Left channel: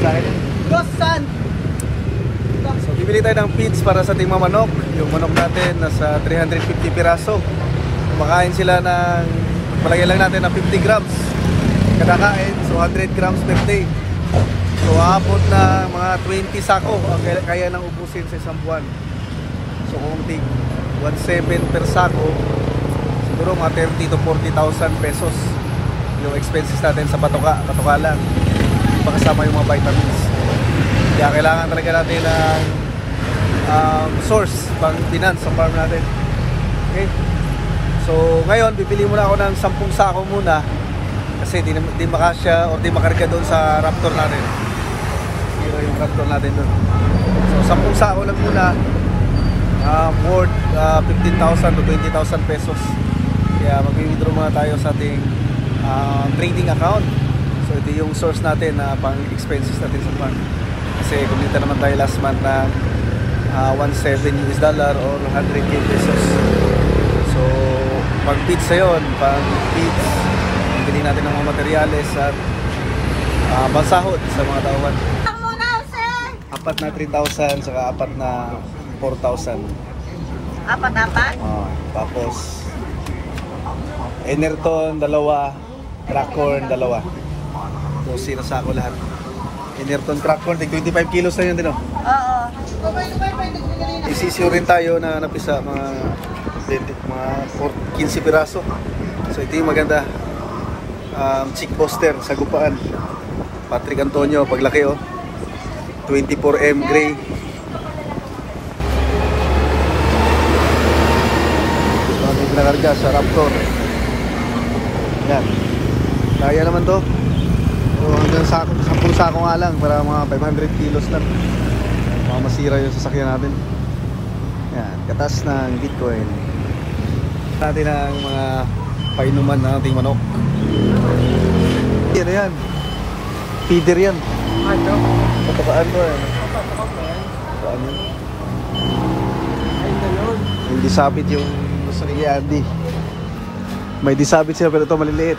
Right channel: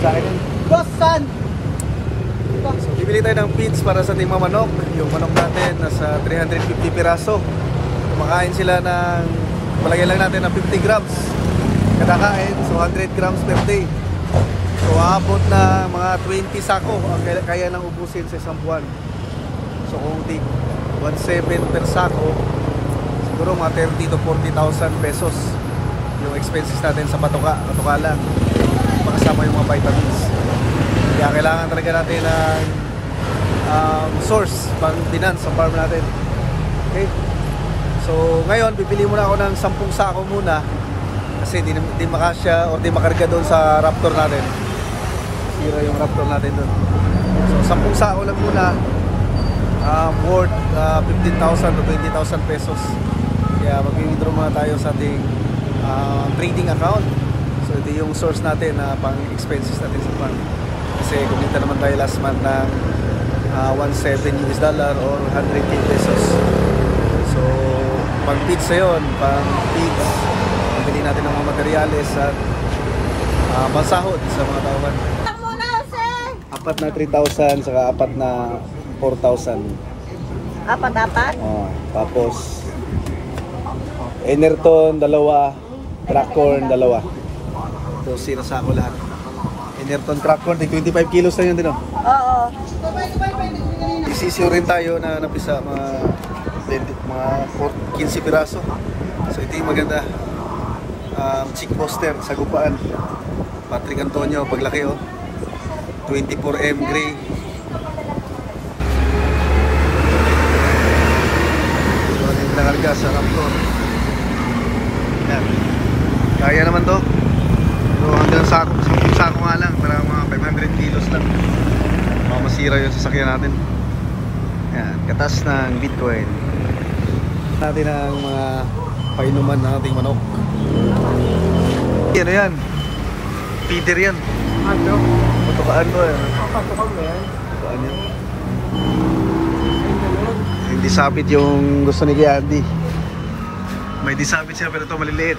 Sa akin yun. So bibili tayo ng feeds para sa ating mga manok. Yung manok natin nasa 350 piraso. Kumakain sila ng, palagay lang natin na 50 grams kada kain. So 100 grams per day. So aabot na mga 20 sako ang kaya nang ubusin sa isang buwan. So kung tig 1.7 per sako, siguro mga 30 to 40,000 pesos yung expenses natin sa patoka lang, hindi pa kasama yung mga vitamins. Kaya kailangan talaga natin ng source pang finance sa farm natin. Okay, so ngayon bibili muna ako ng 10 sako muna kasi di makasya or di makarga doon sa Raptor natin. Sira yung Raptor natin doon. So 10 sako lang muna, worth 15,000 to 20,000 pesos. Kaya mag-withdraw muna tayo sa ating trading account. So ito yung source natin na pang expenses natin sa farm. Kasi kumita naman tayo last month ng $17 or 100k pesos. So pang feeds na yun, pang feeds, bili natin ng mga materyales at bansahod sa mga tauhan. Apat na 3,000 saka apat na 4,000. Apat? Tapos Enerton, dalawa. Crackhorn, dalawa. So sinasako lahat. Enerton, Crackhorn, 25 kilos na yun din, no? Oo. Isisiyo rin tayo na napisa mga 15 piraso. So ito yung maganda. Chick poster sa gupaan. Patrick Antonio, paglaki, oh. 24M gray. So ano yung nakarga sa Raptor. Yan. Kaya naman to. Pero hanggang sako, 10 sako nga lang para mga 500 kilos lang. Baka masira yung sasakyan natin. Yan, katas ng Bitcoin. Natin ang mga painuman ng ating manok. Yan yan. Feeder yan. Ano? Patukaan to yan. Patukaan yan. Hindi sabit yung gusto ni Andy. May disabit siya pero ito maliliit.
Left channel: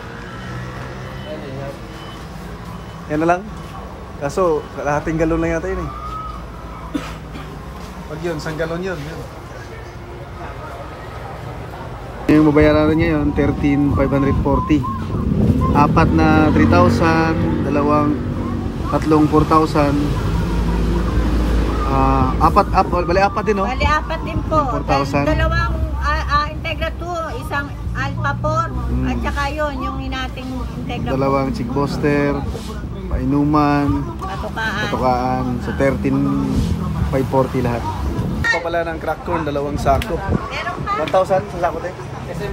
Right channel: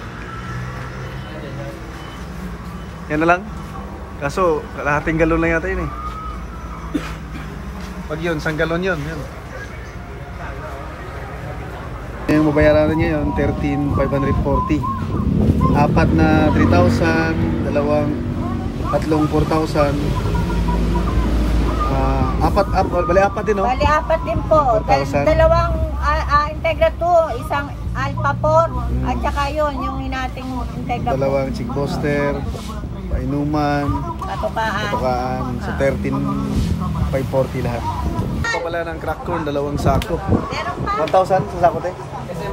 Yan na lang. Kaso kalahating galon lang yata yun eh. Pag yun, isang galon yun. Yung mabayaran natin ngayon, 13,540. Apat na 3,000, tatlong 4,000. Bali apat din, no? Bali apat din po. Dalawang Integra 2, isang Alpha 4, at saka yun, yung inating Integra 4. Dalawang chick poster, painuman, patukaan. So 13,540 lahat. Ito pala ng Crackhorn, dalawang sako. 1,000 sa sako, te?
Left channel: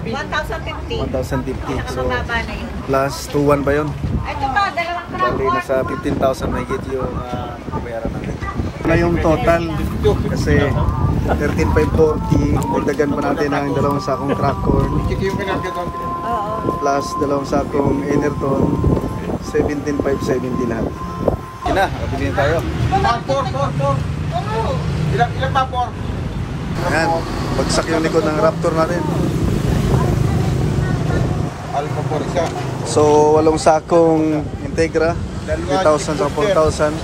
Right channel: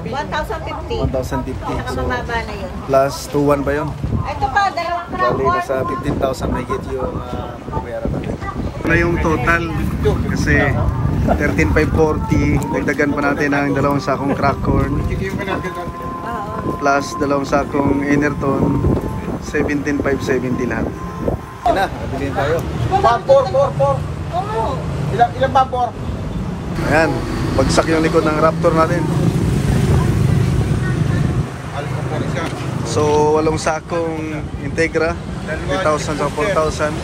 1,050. 1,050. So Bumaba na yun. plus 2,1 ba yun? Ito pa, dalawang Bali, nasa 15,000 may get yung babayaran natin. Na yung total kasi 13,540. Dagdagan pa natin ang dalawang sakong Crackhorn plus dalawang sakong Enerton, 17,570 lahat. Yun na, nakabili tayo. Ilang pa? Ayan, bagsak yung likod ng Raptor natin. So 8 sakong Integra, 3,000 sa 4,000.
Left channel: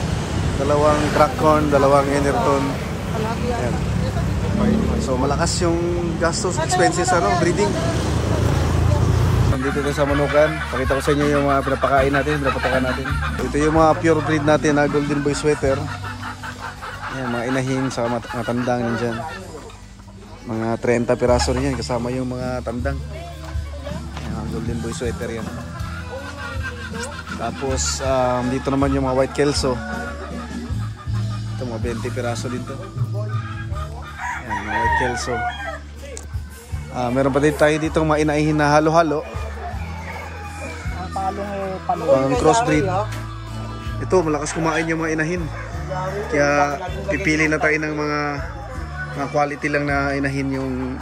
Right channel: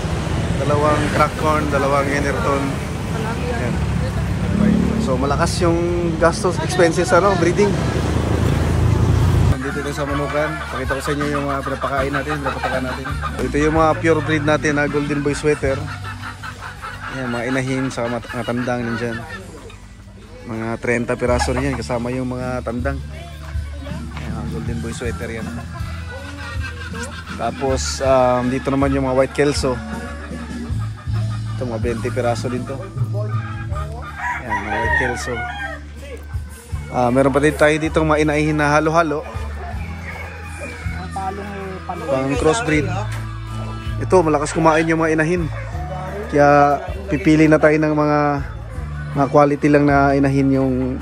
Dalawang Crackhorn, dalawang Enerton. Ayan. So malakas yung gastos, expenses, breeding. Nandito tayo sa manukan. Pakita ko sa inyo yung mga pinapakain natin, pinapatakan natin. So, ito yung mga pure breed natin na Golden Boy Sweater. Ayan, mga inahin sa mga tandang nandyan. Mga 30 piraso rin yan, kasama yung mga tandang. Ayan, Golden Boy Sweater yan. Tapos dito naman yung mga White Kelso. Ito mga 20 piraso din to. Ayan, mga White Kelso. Meron pa din tayo dito mga inaihin na halo-halo. Pang crossbreed. Ito, malakas kumain yung mga inahin. Kaya pipili na tayo ng mga quality lang na inahin yung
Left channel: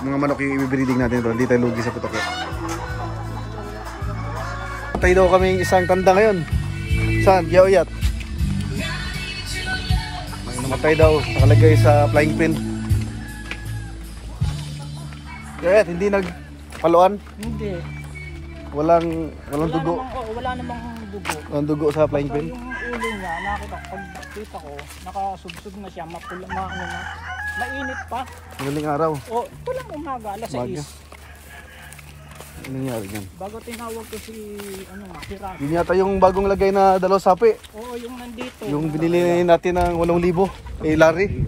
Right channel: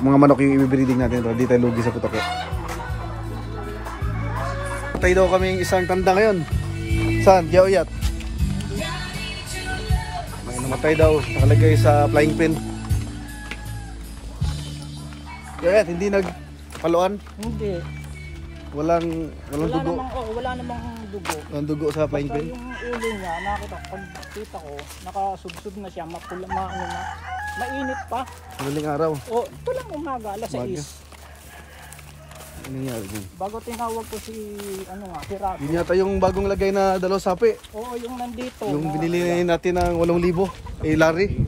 mga manok yung i-breeding natin. Hindi tayo lugi sa putok. Tayo daw kaming isang tanda ngayon. Saan? Yaoyat. May namatay daw. Nakalagay sa flying pin. Yaoyat, hindi nagpaluan? Hindi. Walang dugo. Wala namang dugo. Walang dugo sa flying pin. Yung ulo niya, pagkita ko, nakasubsub na siya, mapula, mainit pa. Madaling araw. Ito lang umaga, alas 6. Ano nangyari dyan? Bago tinawag ko si Rocky. Yun yata yung bagong lagay na dalawang sapi. Oo, yung nandito. Yung binili natin ng 8,000. Larry.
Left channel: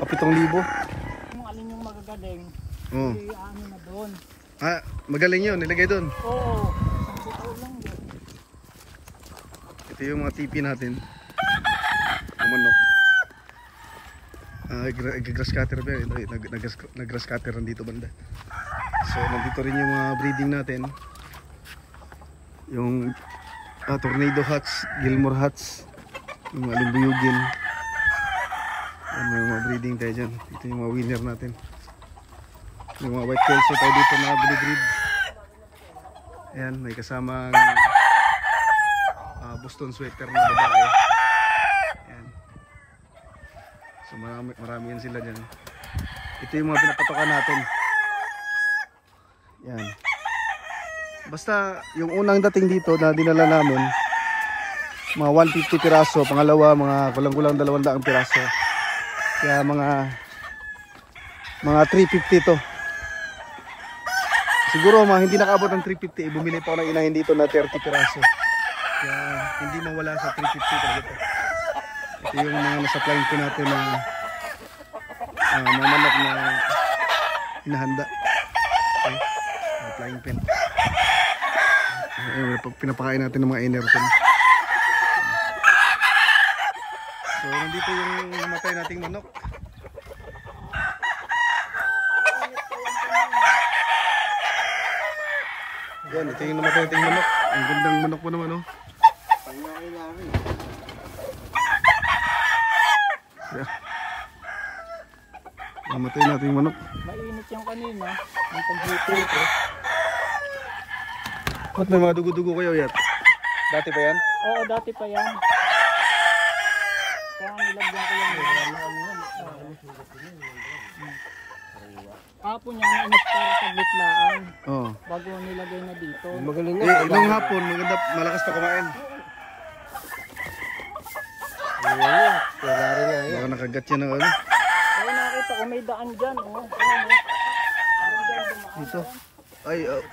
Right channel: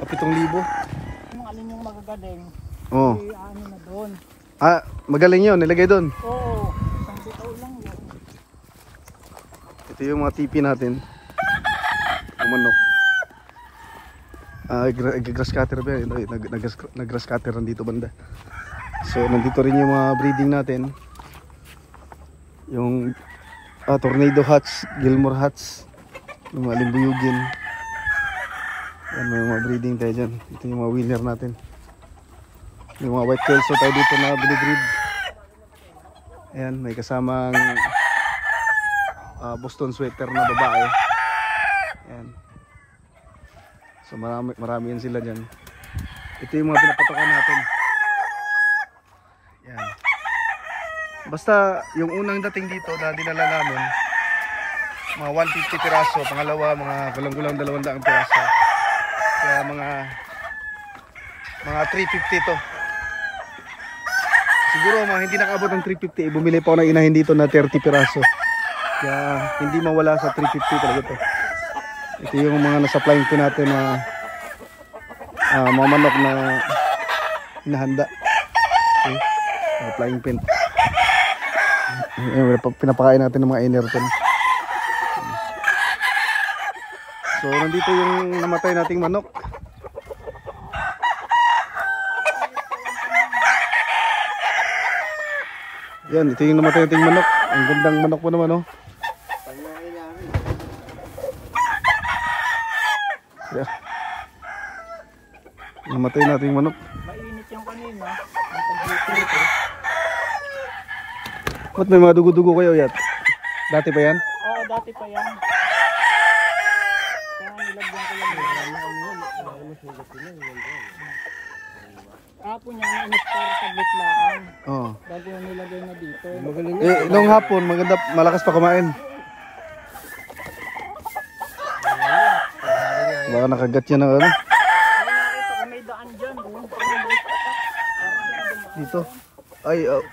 7,000. Kung alin yung magagaling, Oo. na doon. Magaling yun. Nilagay doon. Oo, isang bitaw lang yun. Ito yung mga tipi natin. Ang manok. Grass cutter ba yan? Nag-grass cutter nandito banda. So nandito rin yung mga breeding natin. Yung Tornado Hats, Gilmore Hats, yung mga limbuyugin. Yan, may mga breeding tayo dyan. Ito yung mga winner natin. Yung mga white kelso tayo dito na binibreed. Ayan, may kasamang Boston sweater na babae. Ayan. So marami yan sila dyan. Ito yung mga pinapatokan natin. Yan. Basta yung unang dating dito na dinala namin, mga 150 piraso, pangalawa mga kulang-kulang 200 piraso. Kaya mga 350 to. Siguro hindi nakaabot ng 350, bumili pa ako ng inahin dito na 30 piraso. Kaya hindi mawala sa 350 talaga ito. Ito yung mga nasa-flying ko natin na mga manok na hinahanda. Okay. Flying pin. Pinapakain natin ng mga Enerton. So nandito yung namatay nating manok. Yan, ito yung namatay nating manok. Ang gandang manok po naman, oh. Yeah. Namatay nating manok. Mainit yung kanina. Ang paghipol ko. Ba't may mga dugo-dugo kayo, Yat? Dati pa yan? Oo, dati pa yan. Kaya nilagyan ko yung hapon yan, para sa bitlaan. Oo. Bago nilagay na dito. Nung hapon, maganda, malakas pa kumain. Baka nakagat yan ng ano? Ay, nakita ko may daan dyan. Dito. Ay, oo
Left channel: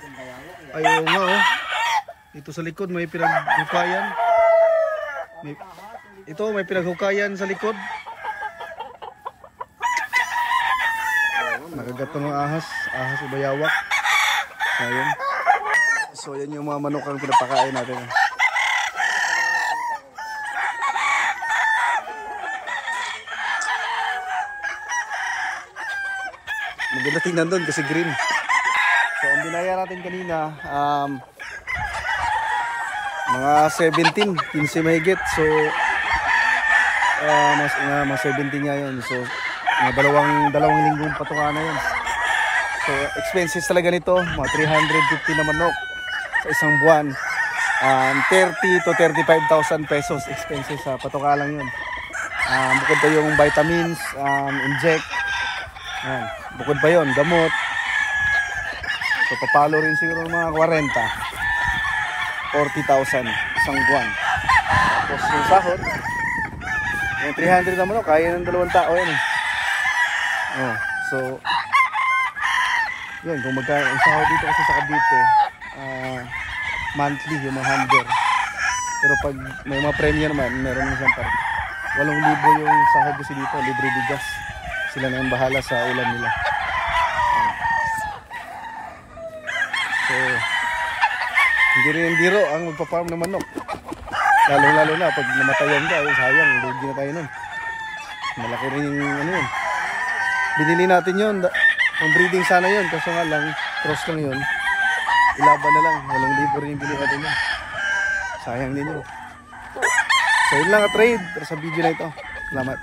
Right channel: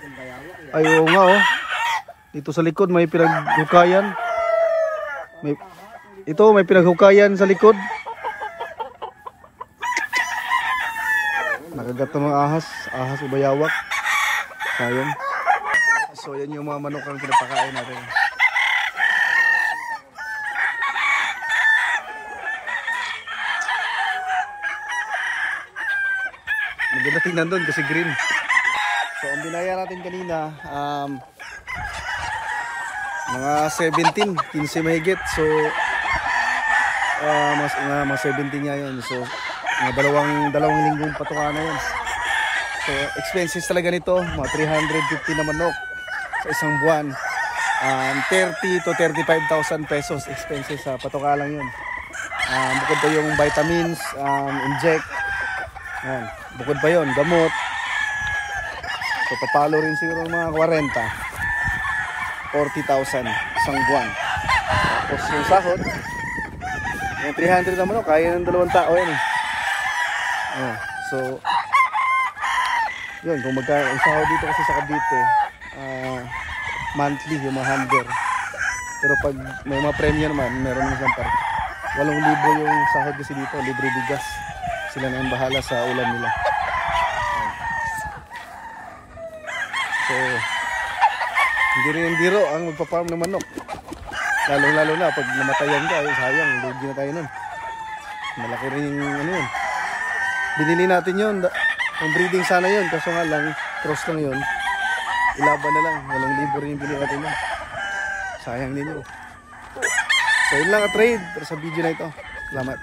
nga, oh. Dito sa likod may pinaghukayan. May pinaghukayan sa likod. Nakagat ng mga ahas o bayawak. Sayang. So yan yung mga manok ang pinapakain natin. Maganda tingnan doon kasi green. So ang binaya natin kanina mga 17, 15 mahigit. So mga 17 nga yun. So mga dalawang linggong patuka na yun. So expenses talaga nito, mga 350 na manok sa isang buwan. 30 to 35,000 pesos expenses sa patuka lang yun. Bukod pa yung vitamins, inject. Yan. Bukod pa yun, gamot. So papalo rin siguro mga 40,000 isang buwan. Tapos yung sahod, yung 300 na manok, kaya ng 2 tao yan eh. So yun, kung ang sahod dito kasi sa Cavite, monthly yung mga handler. Pero pag may mga premyo naman, meron naman siyang 8,000 yung sahod kasi dito, libre bigas. Sila na yung bahala sa ulam nila. So hindi rin yung biro ang magpa-farm ng manok. Lalo na pag namatayan ka, sayang, lugi na tayo nun. Malaki rin yung ano yun. Binili natin yun, ang breeding sana yun, kaso nga lang, cross lang yun. Ilaban na lang, 8,000 rin yung bili natin yun. Sayang din yun. So yun lang ang trade para sa video na ito. Salamat.